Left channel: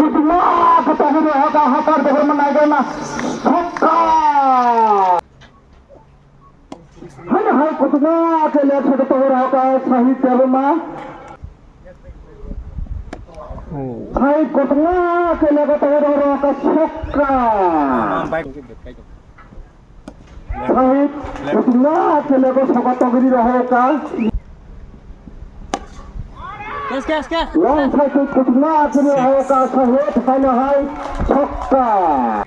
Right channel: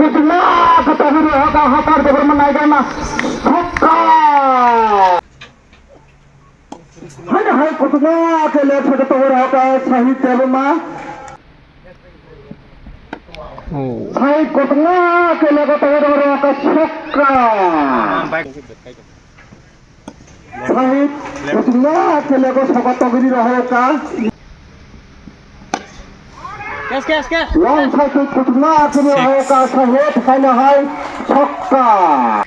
Kucingnya ketahui hafar bermenaikkan hafar. Hanya hai kucingnya kelihatan ketahui hafar sahih terima. Hai kucingnya kelihatan ketahui hafar hafar. Hai kucingnya kelihatan ketahui hafar. Kes. Long satu kucingnya kelihatan hafar sahih hanya hai hafar.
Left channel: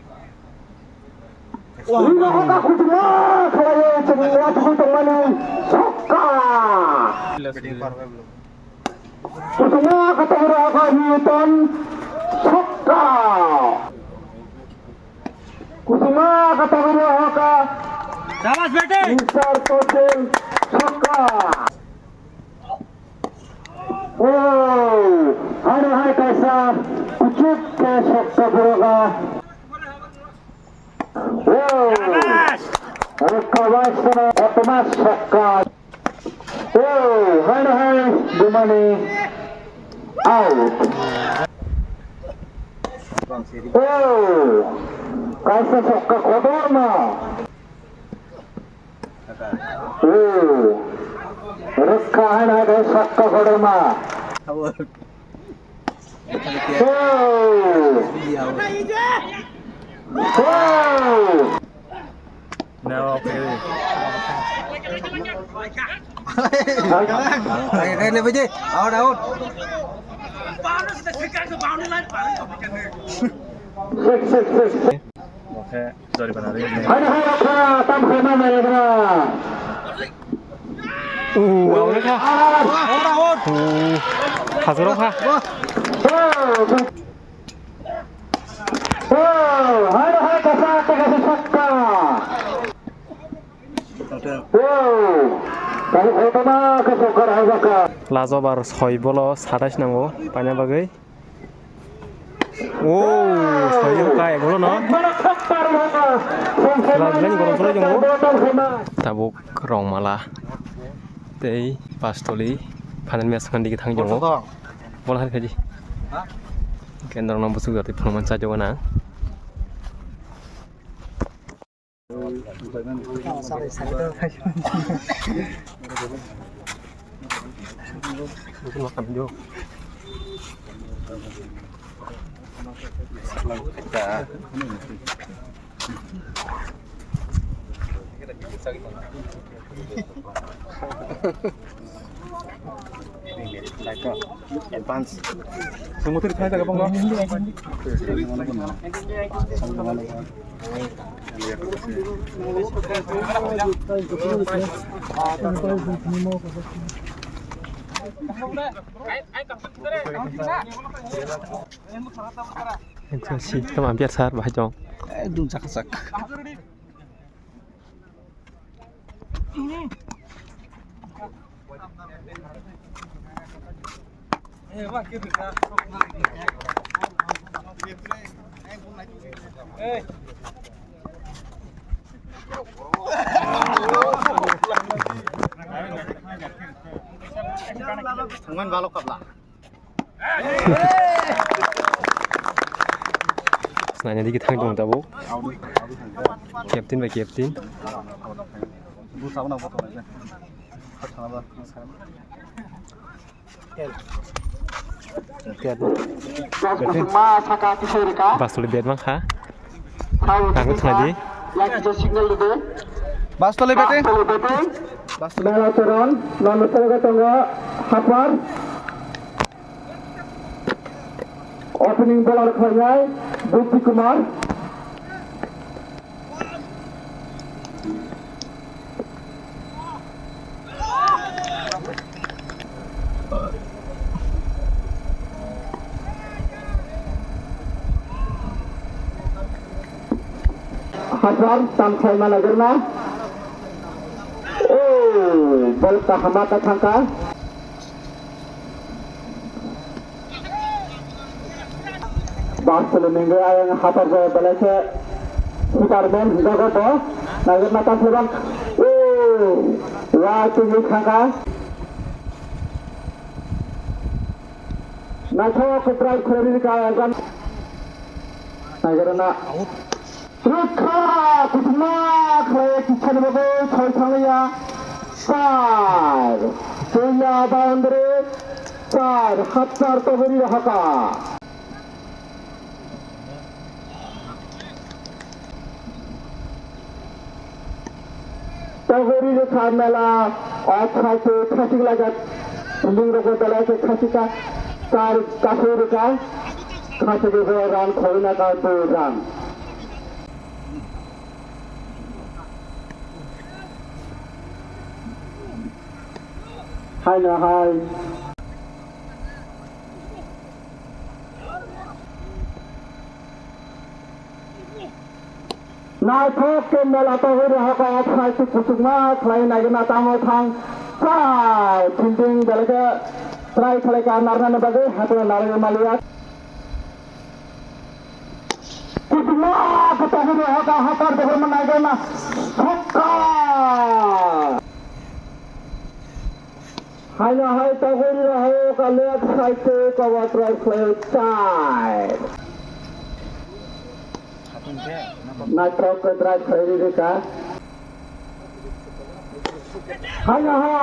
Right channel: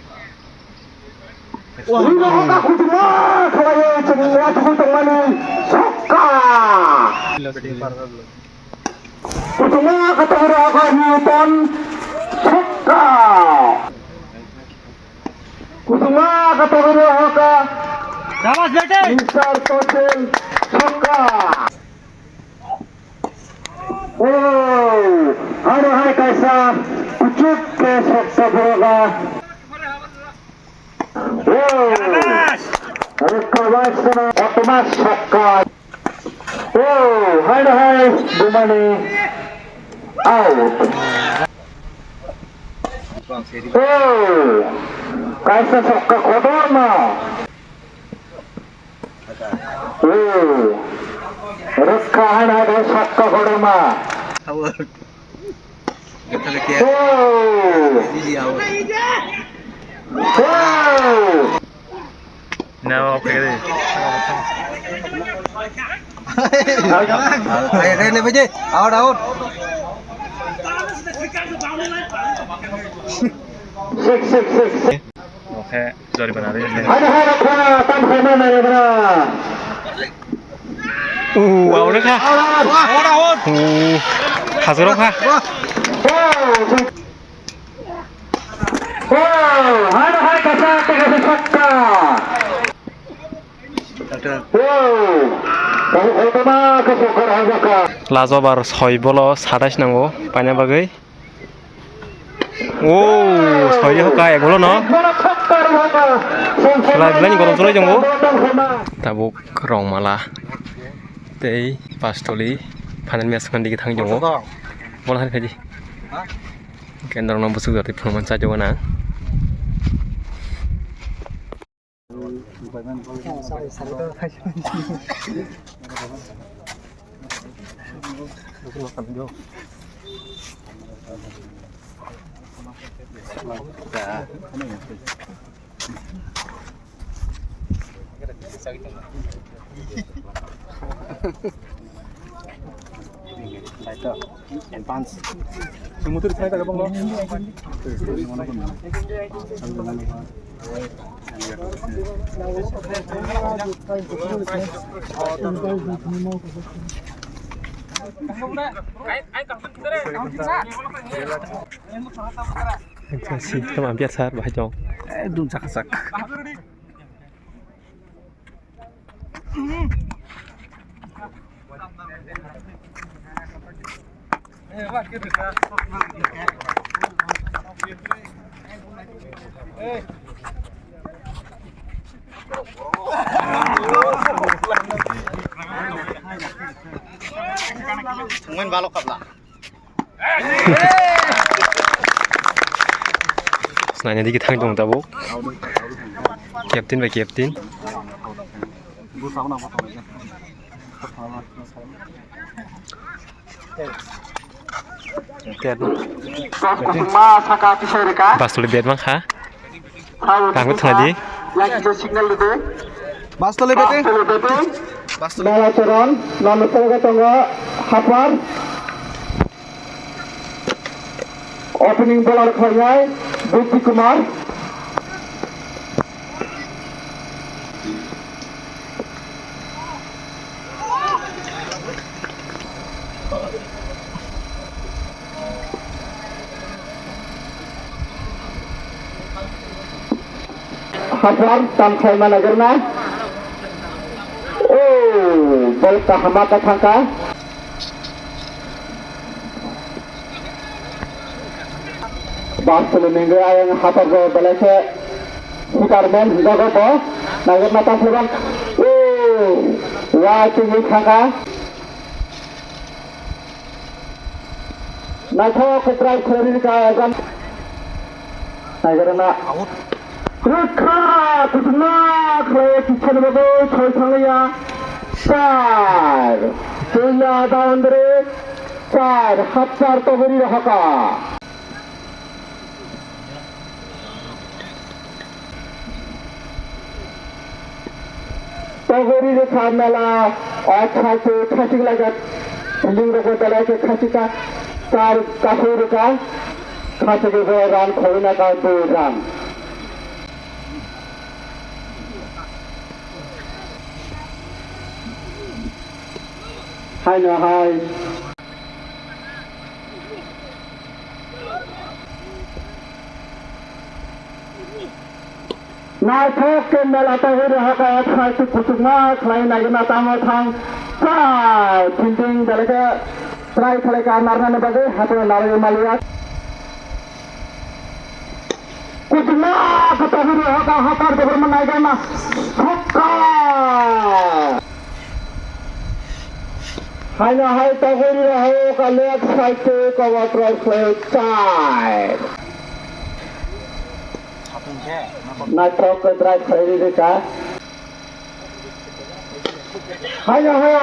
Ini hafar kucingnya kelihatan semua teman-teman hafar. Kucingnya ketahui hafar Newton hafar. Kucingnya ketahui hafar Jawas bete. Insar Tosil hafar. Oh, hari kaisa kucuk ke sakta berapa? Oh, kawas sana otomas sakka. Oh, hai dimana? Out. Oh, kaisa sakka kodor na. Oh, rekkahan ada sakka kodor na. Awal. Oh. No, okay. Ayo ni baje. Out. Six. Okay, sorry bana rahe hain. Ada tam sama mana? Wow nữa kha. Hazırım kha. Oh, hai kasa sakka. Oh, kalau mana kesukar hazaka. Lazobar 6 bolo 27 nango paina bagai. Oh, 6 hoka 1 bolo no. Kelai belani gorong solai jonggo. Tabuk rong mala. Tei pastoli panen mes kan dikit hang jonggo. Bola hari kaji. Kendor nom busuk dati penuman saja wana. Advance. Semua tu ditanya tak bang? Kasih teman biar saat bahjong. Dum sak. Mungkin balok kabla. Senanya dikit hang jong tabuk. Captain by captain. Pastoli bed bang ha. Rambut tengah Bas tole bete. Nama turun, nama tengah hafar. Opening bola kerjai Bukti Kumar. Hafar sampai mana gerna? Oh, bol kahama kacangka. Bangsa minggu yang hafar go balase Superman juga go. Nagar mata puran. Oh, wah tinggi kacangka. Naiklah ke try kiri kaya kan. 나이가르나 그렇다 구승마 그래 기차는 철창이야 쌀 그야 다운들의 쌀 합살 떠버리려 하까 떠버리려 참나라 아차스 카시글라가 빌링으로 달라게 카시가 쌀 까소르가 카시글가 란 코이나가 또란 hai nhà hai na thok ke mela ta ho raha ka khai se kuchma khai na na ta ma thang ka thinking dalaga try khale ka marna ne bage hato nare maliya kuchma ka ta ho raha ka hapar bahar ma na ga na hokka Hanya hai tagori raho ka left side to cover cross side. Na cross side right side de ka. Hanya hai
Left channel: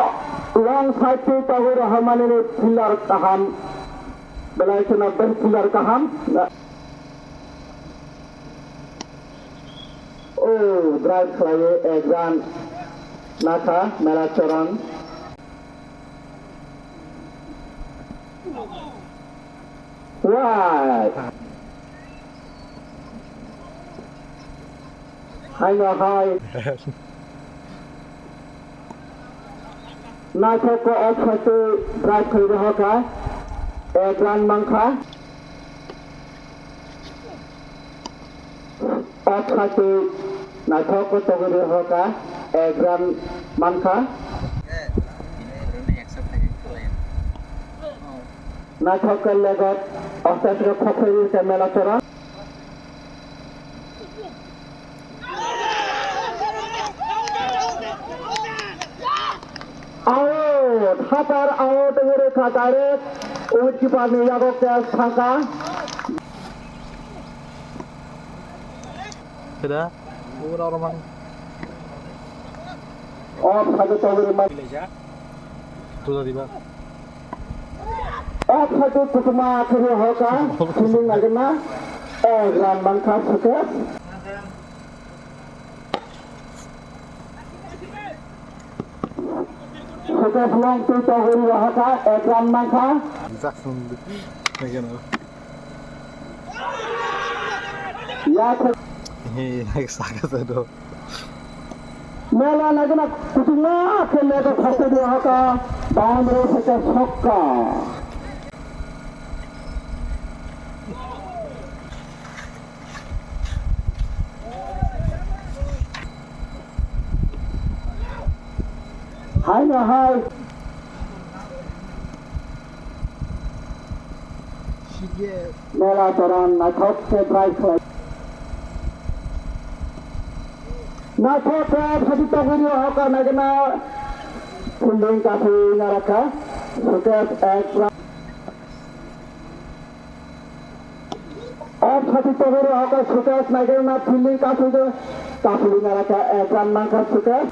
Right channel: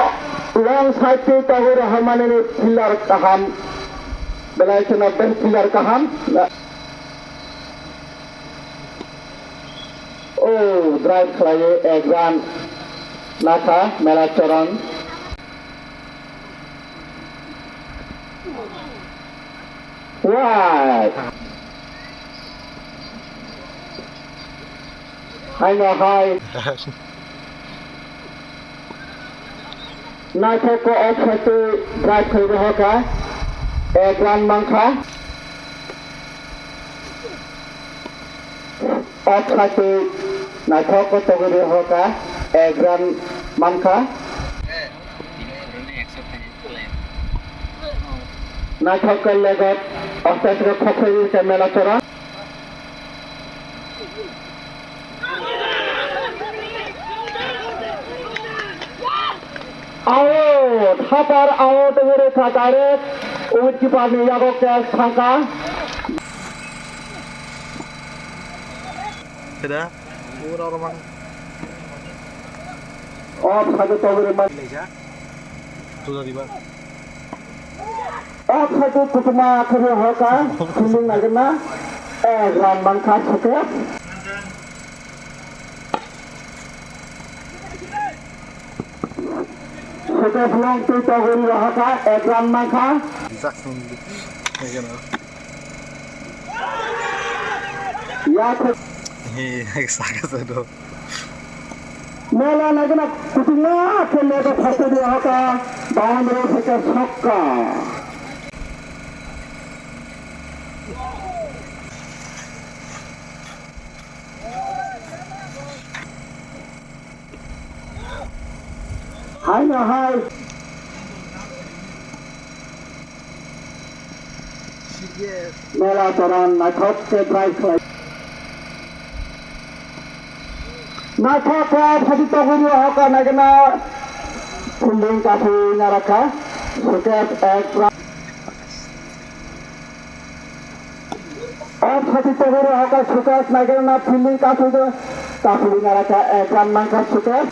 wrong side to tagori raho mane ne pillar kaham. Belai chena ben pillar kaham. Oh, drive klaye exam. Naka mela choran. Right. Hanya hai. Na ko acha to drive koi raha ka. Ekran mangkha. Acha to na ko to raha ka. Ekran mangkha. Na thokal lagat astasga khokhoi ke mela chora आओ thapar आओ to mere thakare ut ki paas mein jago ke thaka Tidak. Orang aur thake to mere man tu tadi, Pak. aur thake kutma kare hoka feeling lagna gram bangkha choke choke flong to hori hoka gram bangkha ya Sangat tu. मेला लगना कुटुंबा के लेकर फंसे दिया होगा बांधो से छक्का हाय ना हाय मेला दौरान नाटक से drive Naka kwa phadi taguri hoka nagna funding kafu naraka suket extra और phadi taguri hoka suket nagna funding kafu naraka extra mangka suket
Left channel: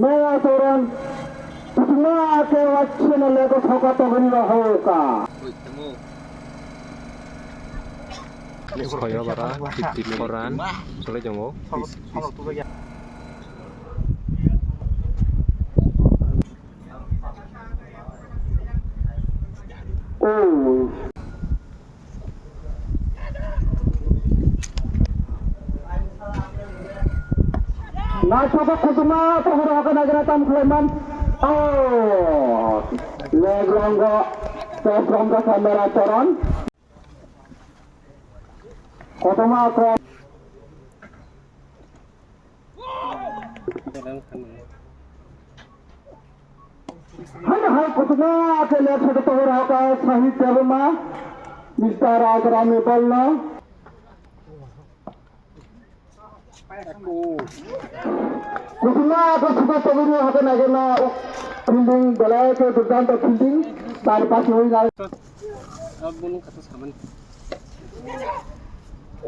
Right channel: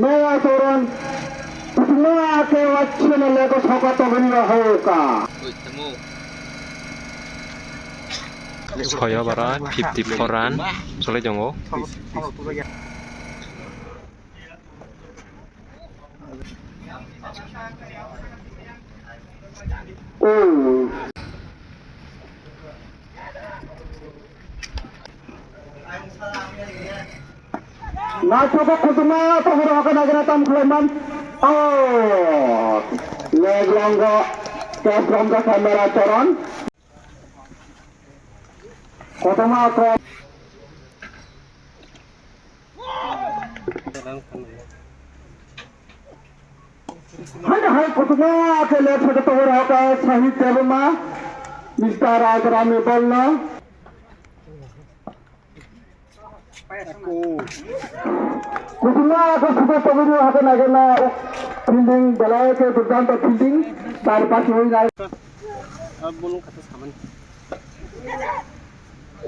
Naya toran semua ke wacana lego hoka taguri hoka Soya barat 54 ran soleh jongo Nasa kutuma tohoro akan agak tam kelaman oh leg langga ke from the camera toran kutuma ko hai kutuma ke leg photo tohoro akan sahih tabma Mr. Rajrami bolna Bismillah, aku sudah tunggu hati nagana. Fielding বেলাকে দুর্দান্ত fielding তার পাশে হয়ে যায়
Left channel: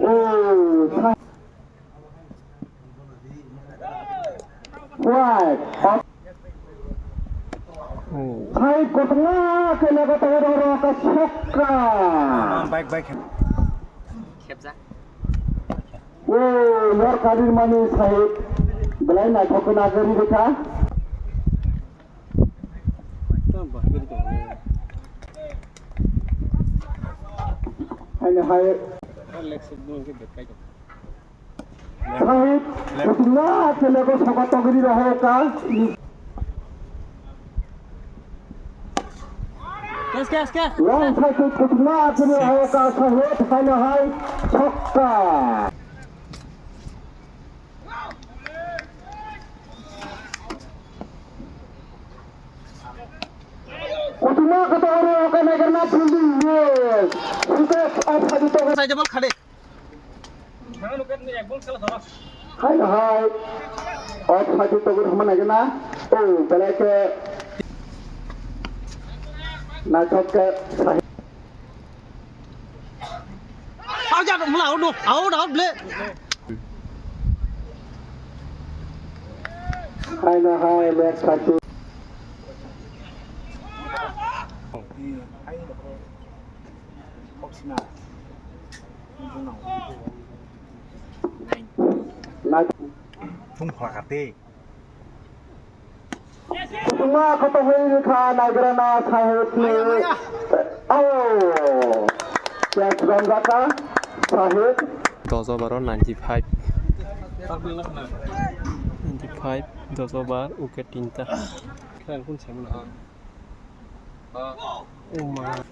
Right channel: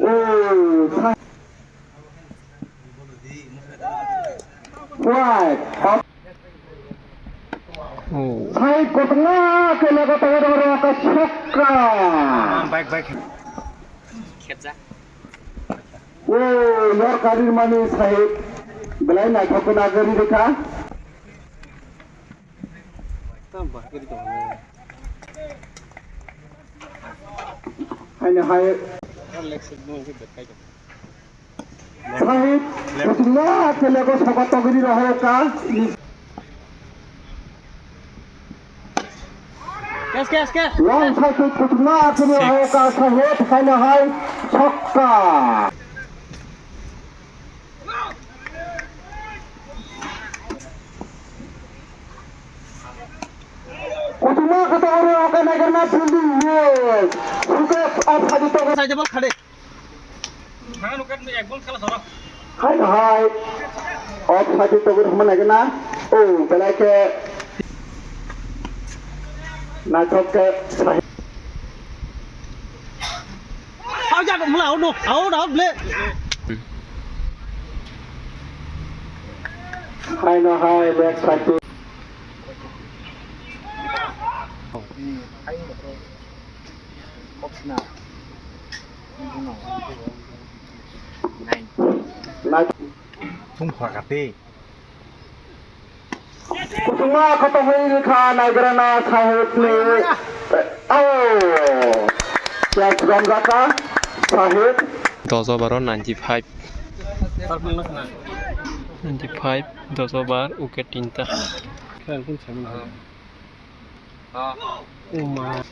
ও wide Oh. Side ঘটনা কে লাগাতে হবে একটা ছক্কা बाइक ও নরকারির মানে সাহেব বেলাই না ঠকন আগের দেখা হাইনে হাই সাহেব ঘটনা কে লাগো সকা তগরি রহকা লং সাইড ঘটনা কে রহকা সাহেব হাইনে হাই ছক্কা ঘটনা কত বড় ওকে নাগর না ফিল্ডিং ইয়েস সুকে অফ সাজিত साइड बॉल खड़े হাই হাই অফ সাজিত করে हम নাগে না ও বেলাকে নাটককে आओ जा मला आउट प्ले হাই না হাই back side tung khakate Semua ketahui ka nagrana sahib ni. Oh, yang gambar ka sahib. 10 over 95 95 10 over wicket 3 Oh my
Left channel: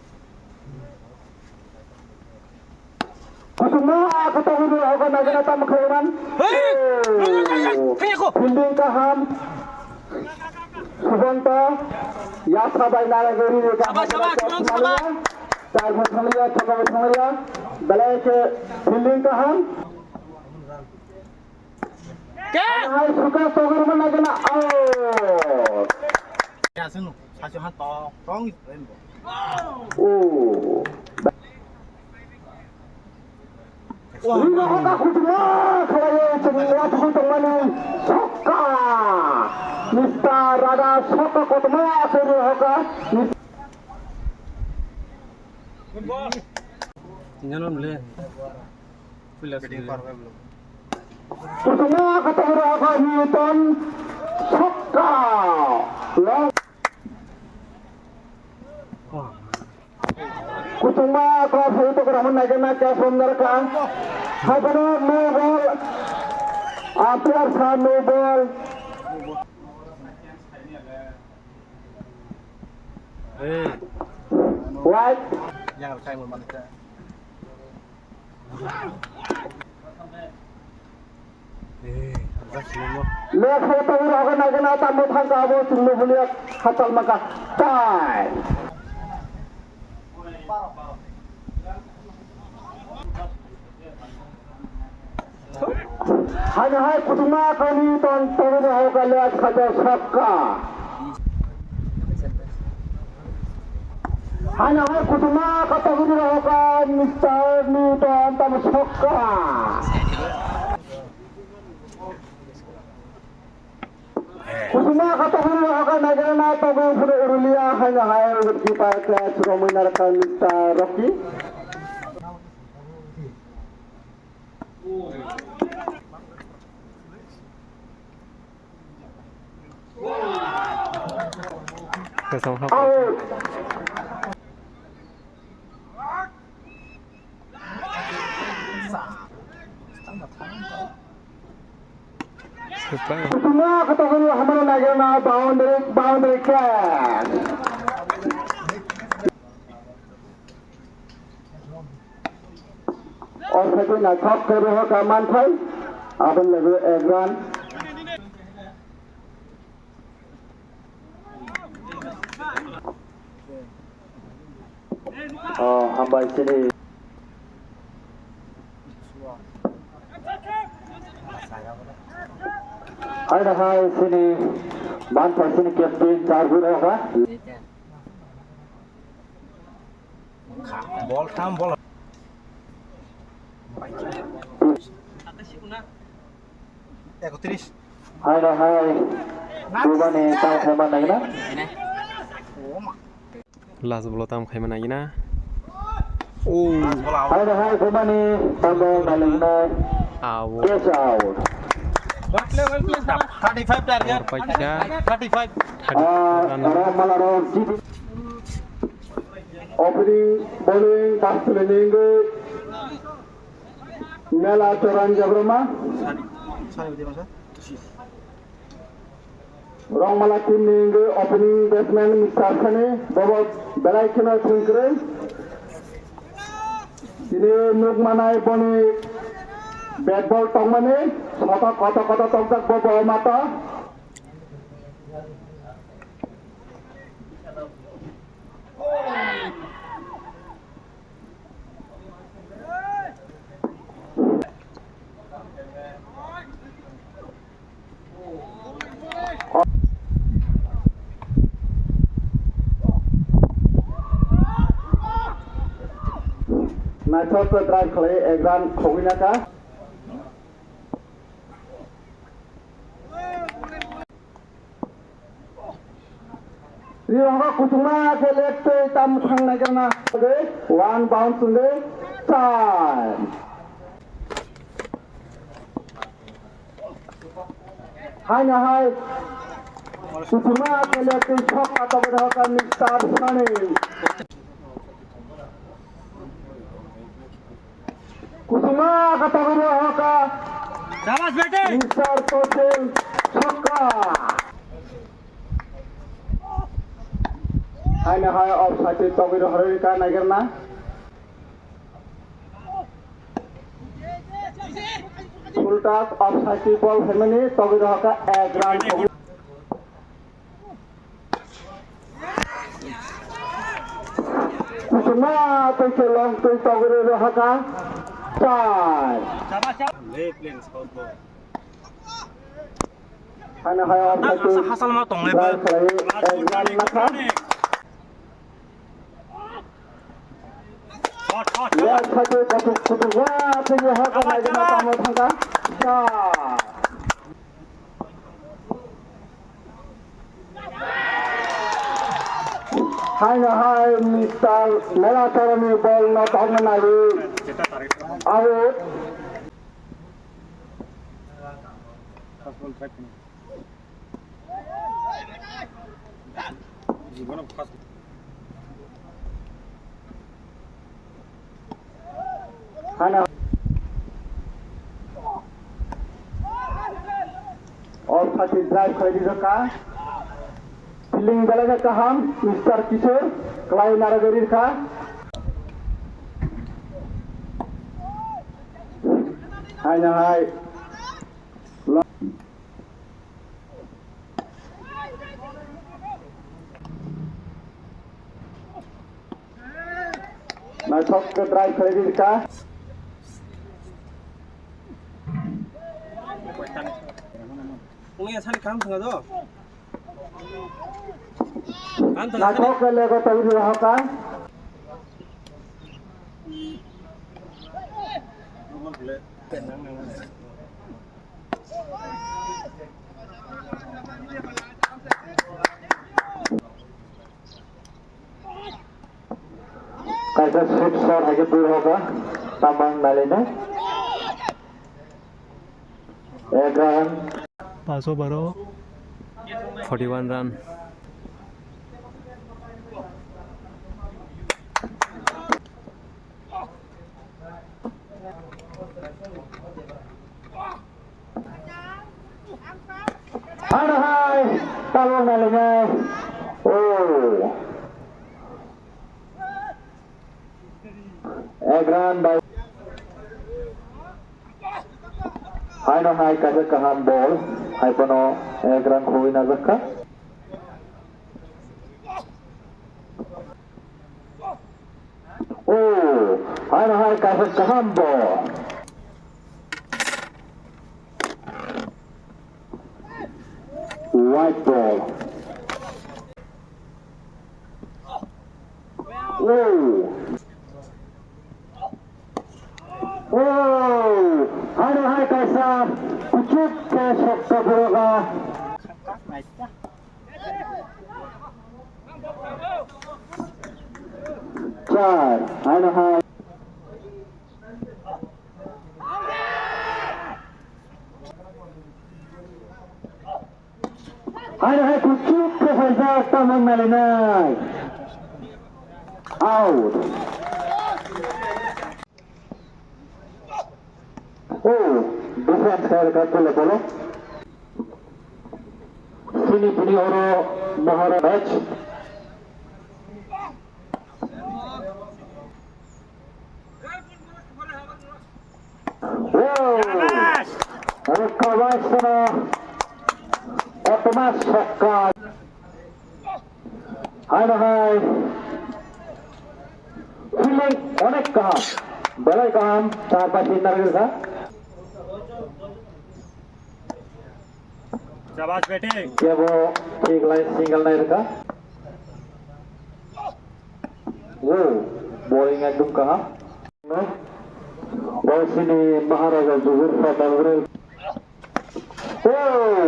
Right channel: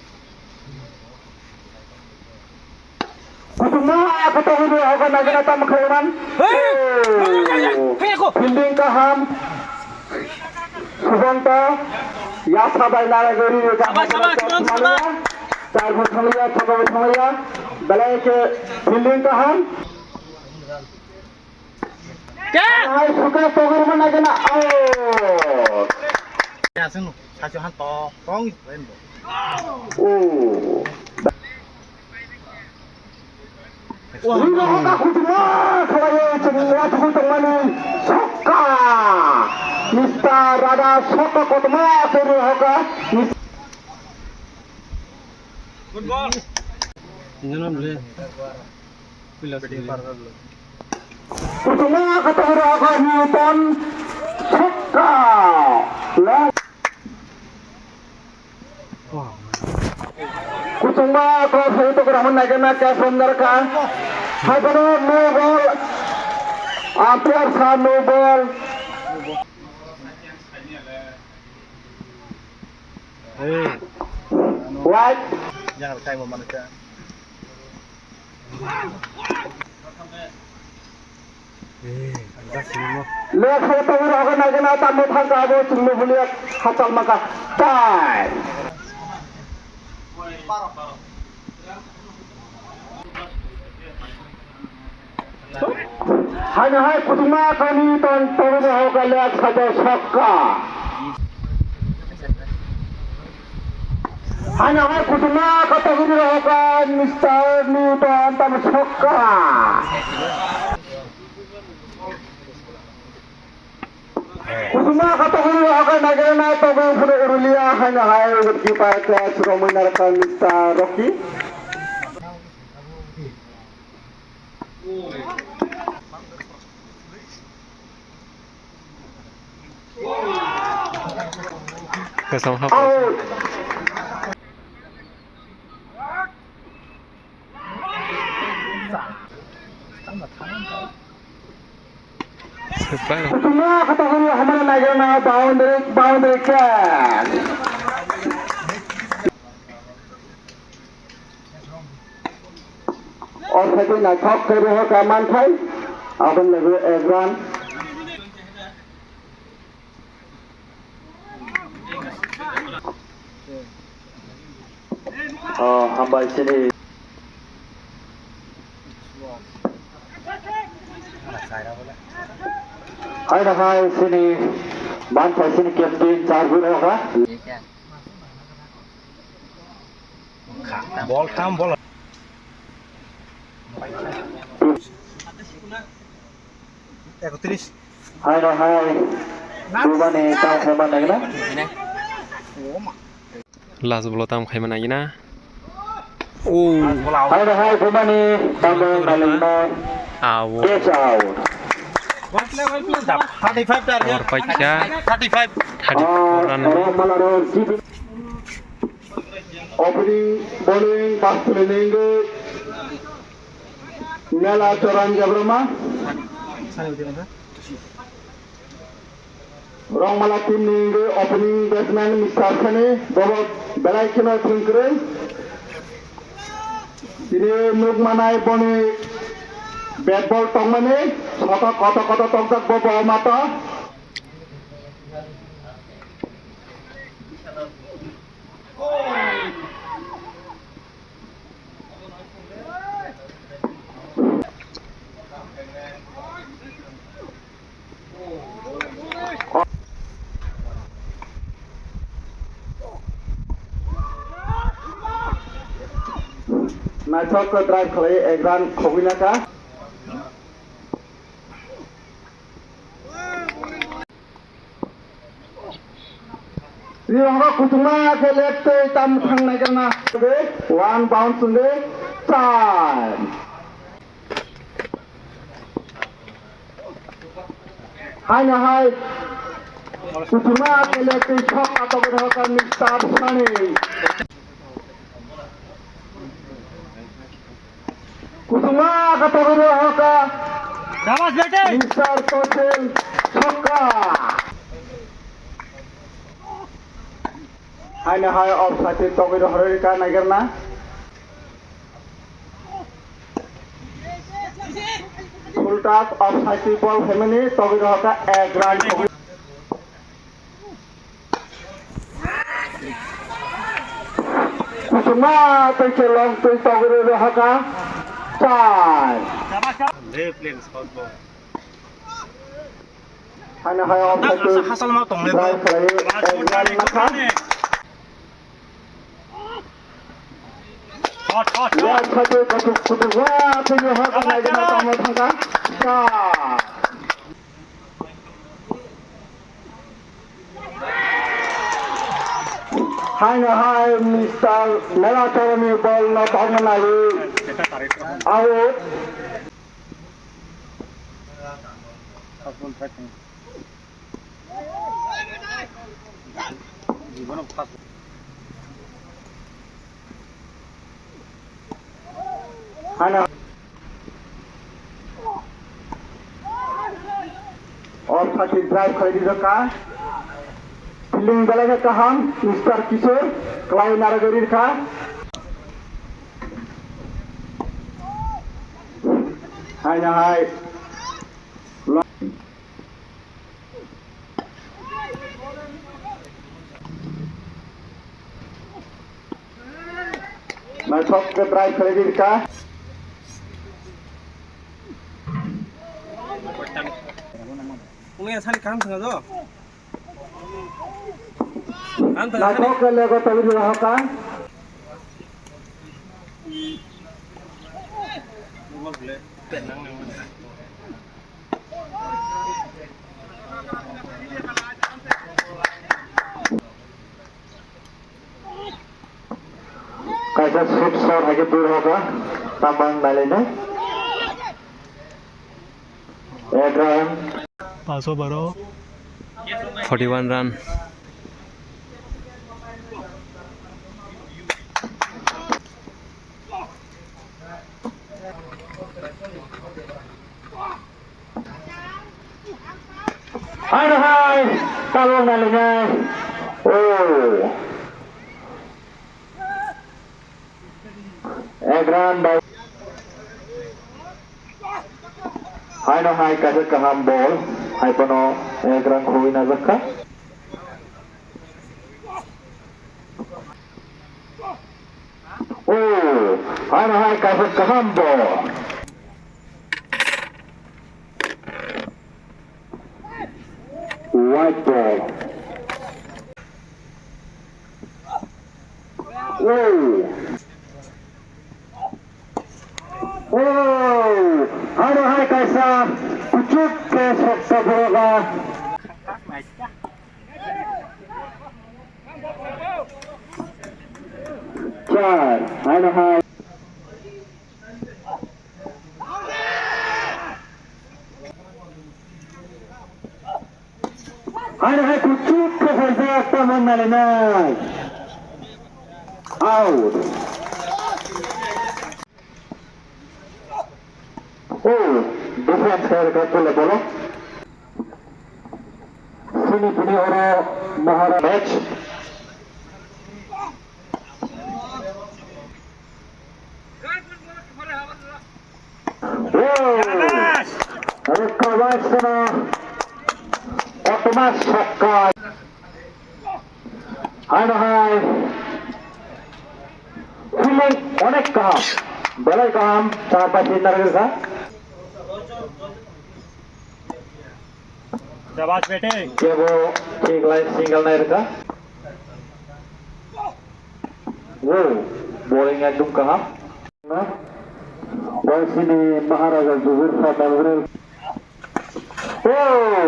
Semua ketahui ka nagrana tam khairan. Fielding ka ham. Subanta ইয়াসা বাইনারা গরি চার vote সময়া ছক vote সময়া বেলাকে fielding কা হাম কে high সুকা তগর মনা কেনা আউট ya sing no sa cho han to tong ও Wah, ka khutma khalaye chungwa khutmani sokka Mr. Rada Sokka khutma kore hoga good ball Nyanom le Pula khutma khatore hoga Newton sokka Kucuma cross itu keraman naik na cash runner ka Hagano no ball Umpire sa no ball hey White jangan kai mo manusia Left foot over hoga naik na tamu thangka abo chungmu buliat hatal maka time Hanya hai kutuma kami tonton hoga left saja sokka Hanya hai kutuma kata guru hoga Mr. Newton tam sokka Kutuma kata guru hoga nagana tobe pura urulia hanya hai goalkeeper class Romanar ka Mr. Rocky Kesam hap out Supaya Semua kategori हमारे नगरना boundary catch और सभी नाटक कर रहे हो कामान थे अपन लगे एग्जाम हम बाइक से Hai dah hai sini मान फैशन कैप्टन 4 हुई होगा বল খাম বল একত্রিশ हाय ना हाय कुमाने ताम खाइमा नागिना लास्ट बल ताम खाइमा नागिना ओ हाय ना हाय कुमाने ताम नागिना आव catch out What level plus 35 target. और पच्चा 35. 34 run orang Malaron opening bowling fast bowling Nela Coran Jabrama Orang Malatin opening batsman Mr. Khane Bobot Belai Kino Thinkre Ini Nuk Manai Boni bat ball tongmane kota tongtak bobo mata Nachok ke drive kali Egran Khowinaka Riwanga Kutuma ke left tam khang nai kana one bounce sunde time Hai na hai Kutuma ke left shot atau berhaka Mr. Khane Kutuma kata berhaka Shabash bete. Mr. Total Chokka Hai na hai off side togi dhore ka nagarna full toss off side ball family togi dhaka ek run togi Kusuma peche long to togi dhaka 5 Left leg spot ball. Hai na hai off side Hasal mau tong left. drive kali ek run maka Shot. Luar satu kasut kedua punya hak naik na tamu thangka shot Hai na hai Mr. Mela Charami ball na tamu nali out Hai na और साथी drive कर दी का fielding बलेगा कहां mister किशोर क्लाई नारागरी का हाय ना हाय मैं थोक के ड्राइव कर दी का Uli asal kam tengah tu. Kam ना tengah. थोक के लेगा तभी रहा का कैसा स्विप शॉट आगे दूर होगा तमाम डाले ने एक run 41 run hai kalau nalnya oh Egran by hai no hai kasih kaham ball hai pono Egran khuin azaka oh hai no hai kasih kaham ball white ball. Whoa. Aduh, hai kaisa kucuk ke sokta bola. Char, aduh hai. Aduh hai kucuk ke sokta taman malamai. Out. Defense harga bola bola. Sini punya orang mahara match. Recover sana. Otomat shotgun. Aduh hai. Feeling onek kaham. Boleh kaham. 4-5 दिन लगेगा. शाबाश बेटे क्या वो एक line single नहीं रखा वो बॉलिंग एकदम कहा ना और sini Maharaja Zuhur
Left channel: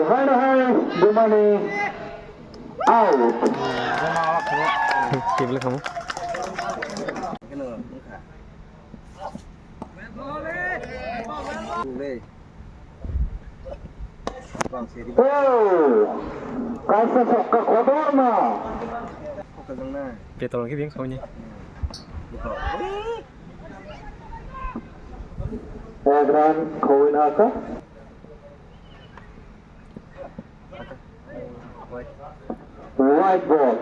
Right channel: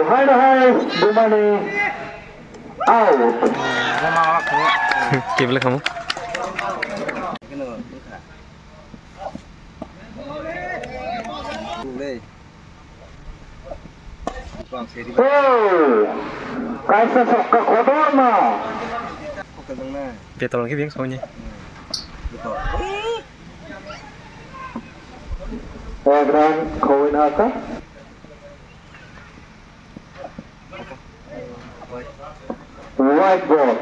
Fadil hai Dumani out Kibla kamu? Kaisa sokka kotor na Petol lagi biang soalnya. Program Kowin Aka white ball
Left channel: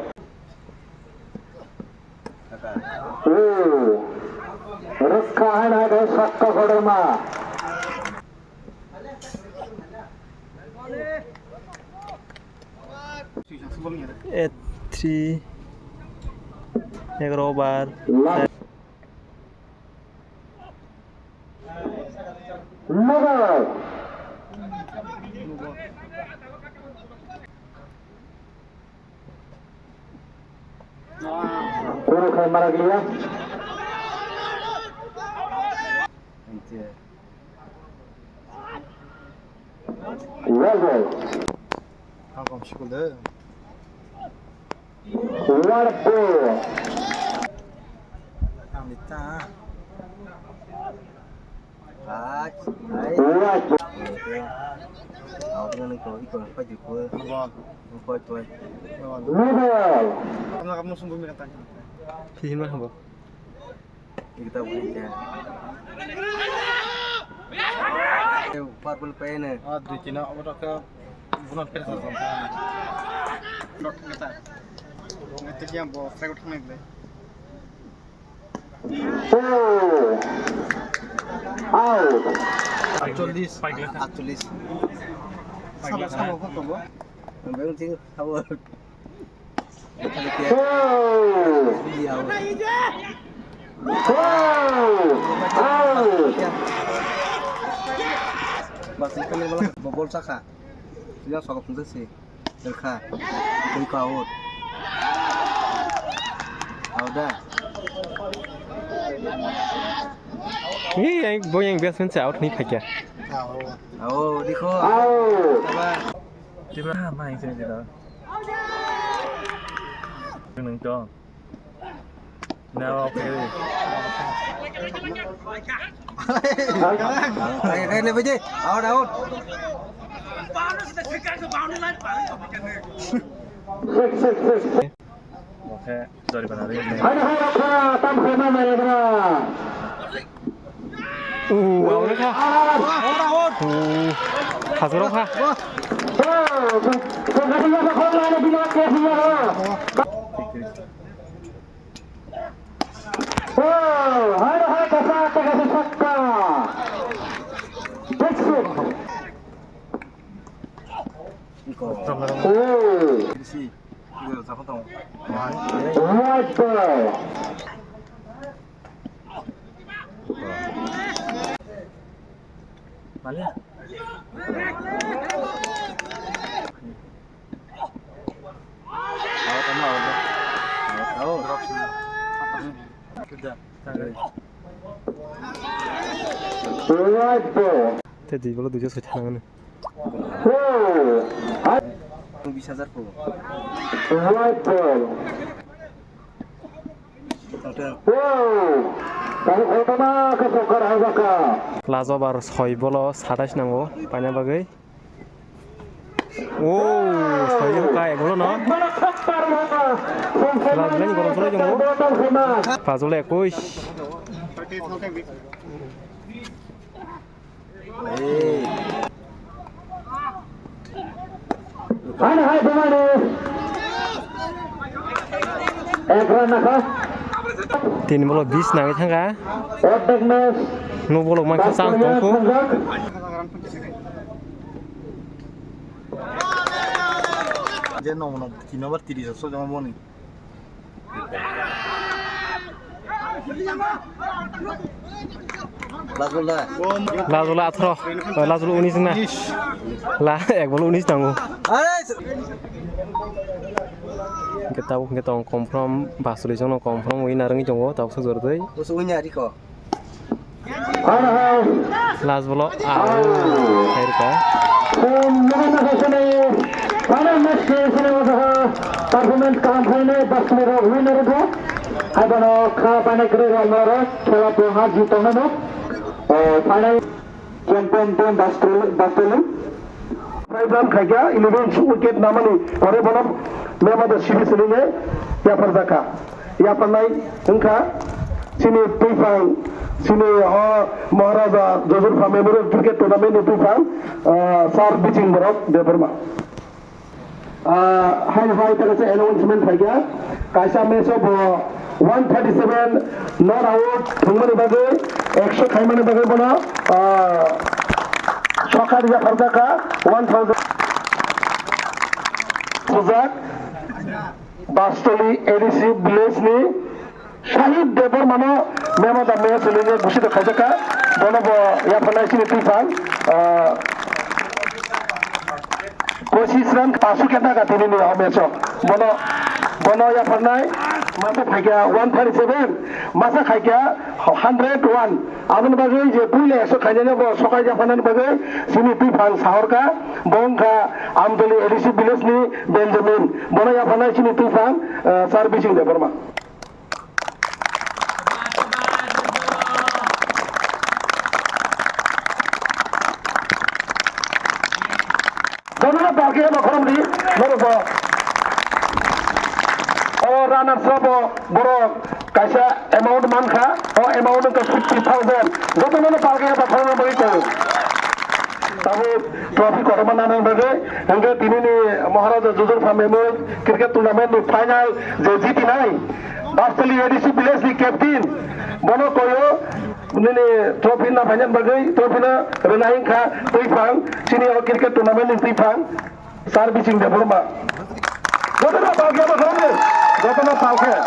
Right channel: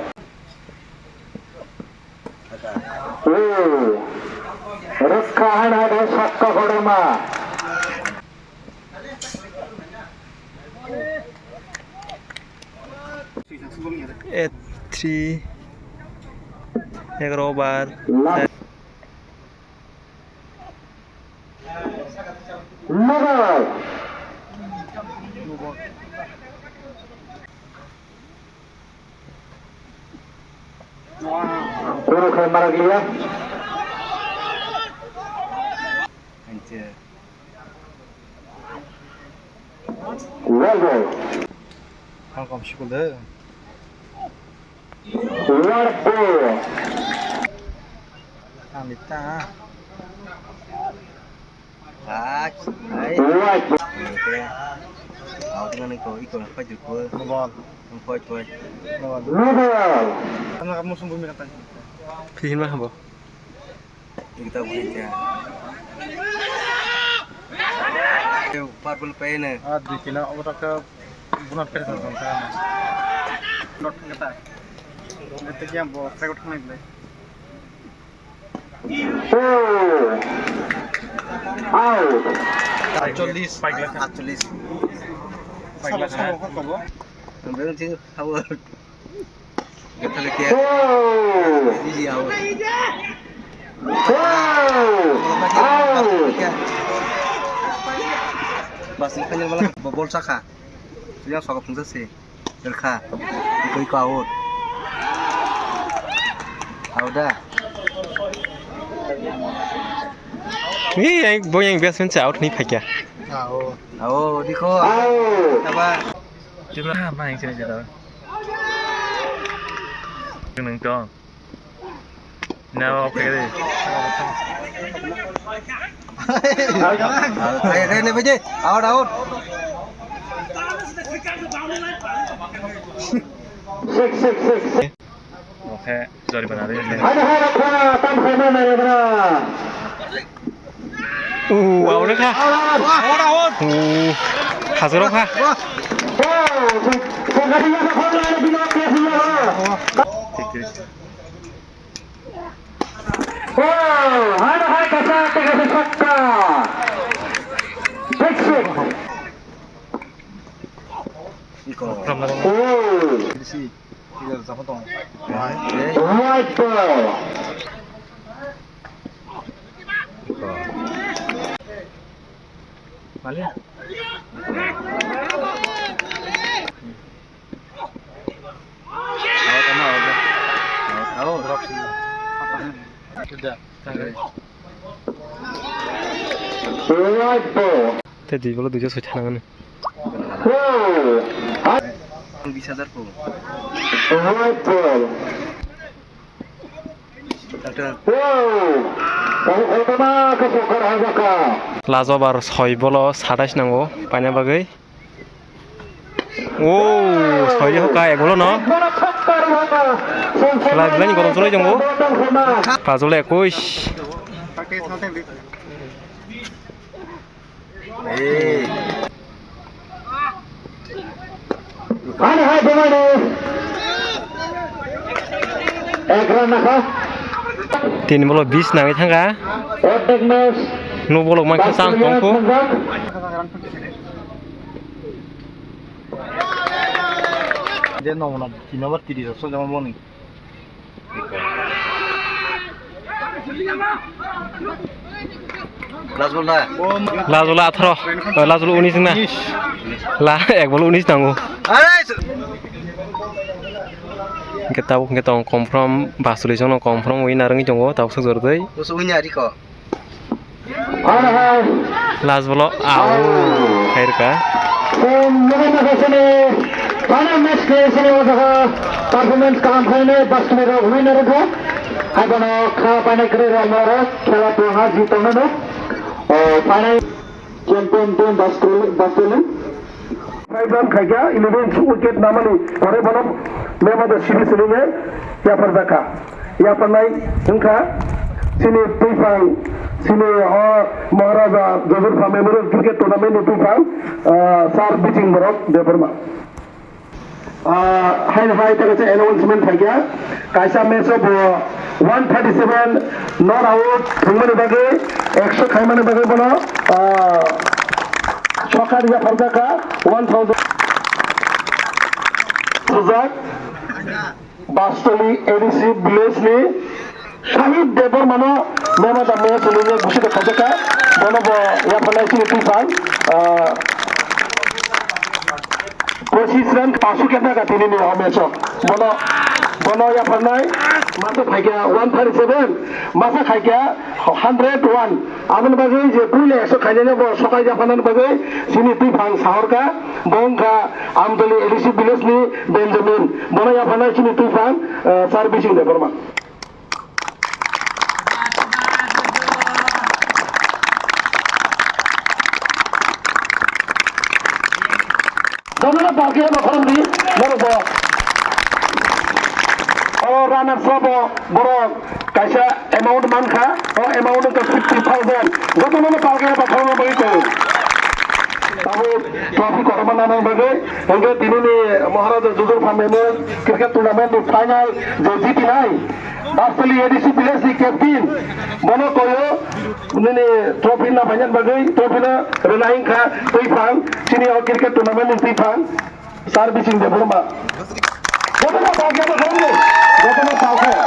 Rukkahan ada sokka kotor na Three. Yang robar. Mother. Puro kay Maraglia. Well. Kom şükürler White ball. Amita White ball. dengan ikon apa juga Ngepoi Middle. Karena kamu sembuh katanya Pilihin mah apa? kita boleh aja Empat puluh pen aduh kena orang ke bulan pen not kata itu yang bawa saya udah naik Out. Actually Namanya sih awal kita lihat ini awal Pasti kan yang malah bobol saka dia sokap pun sih derka ikut out udah Ini yang biasa mencari out nih kayak. Diko apa Jumlah apa yang sini cerita? Neng dong. Nah, oke deh. Kayak ini aja, out. Oke, sorry benar ini. Wow, udah kah? Out. Hasil apa? Hai kasa sakka. Bexit. Iko. Sih. Tinggal siapa tong? White ball. Balik. Right ball. তে দুই বলে 206 টাকা Whoa. 20,000 po. Right ball. Whoa. Kamu kena kesukar Hazaka. লাজো বার 6 বল 27 নাঙ্গো পাইনা বাগৈ ও 6 হকা এক বল ন খেলা দিলানি গরম চলে যাবো 5 বলে 21 Mana hai demane? Ek run nakha. 3 বল 20 নাঙ্গै থাঙ্গা Attack match. 9 বল মাইখা চান্স দंखो যে নমুনা 3 ওভার 30 আছে যেমন মনি লাস্ট বল না লাজোলা 18 লাজোলা 19 না লা এক বল 19 নাঙ্গো আরে kita tong confirm basuli jono confirm win narangi jongo tau sojor dei musuh nyari kok Mana hai? last bolo au khair ka Mana kesini? Mana match kesini wajah performance काम करने बस मेरा winner को अब ना खा पाने के लिए हमारा खेला तो हार जीतना ना और पाने चैंपियन टीम बस्टोली फाइव खाया 11 विकेट नामनी और बनम मैं मत सीरीज लेंगे या पर जाका या पर नहीं उनका sini Tuifang sini Maharaja Joseph Memorial Cricket Tournament Tuifang sar pitching berok deparma hai tak ada announcement hai gaya kaisa match of 137 not out thingmani bage 100 khaimani bage bola sokar ya pardaka 1000 Suzak Bastoli ADC Village ni Shahid Devar mana memang dah match ini gusi dah kerja bola ya pernah sini Tuifang कोशिश run पासु कितना का तीन ने match बोलो या पढ़ना है मासा खाई क्या 137 मासा खाई क्या 101 आमन बगे जे पुले ऐसे खाने ने वो सकाल जा पढ़ना बगे सिनी Tuifang साहर का बोंग का आमदली एडिसी बिलेस नी बेंजामिन बोलो या पढ़ना है सिनी Tuifang सर्विसिंग दे परमा Jangan pakai macam ni, mereka. और रनर सब बड़ो कैसा अमाउंट मान खा और अमाउंट का 50,000 जब मैंने पाल गया बखार में बड़ी कोई तब ट्रॉफी को बनाने बगे उनके तीनों ने महाराजा जोसेफ मेमोरियल क्रिकेट टूर्नामेंट में फाइनल जो जीती नहीं बास्तली एडीसी प्लेस की कैप्टन बनो कोयो उन्होंने ट्रॉफी ना फाइनल बगे ट्रॉफी ना रनाइंग खा Tuifang sini और क्रिकेट टूर्नामेंट में Tuifang सर्विसिंग दे बोलमा Jotana pakai apa kamu? Jotana pakai.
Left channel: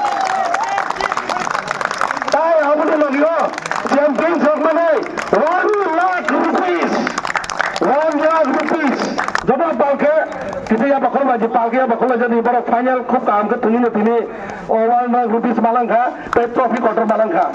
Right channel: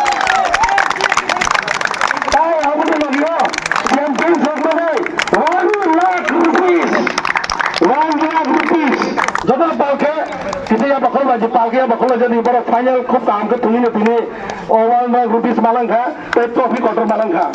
Tahu apa tu lagi lo? Champion mana? 1 lakh rupees. 1 lakh rupees. Jotana pakai. Kita ya bakal lagi pakai ya bakal jadi baru final खूब काम कर तुनी ने तुनी. और 1 lakh rupees malang का, पे trophy quarter malang का.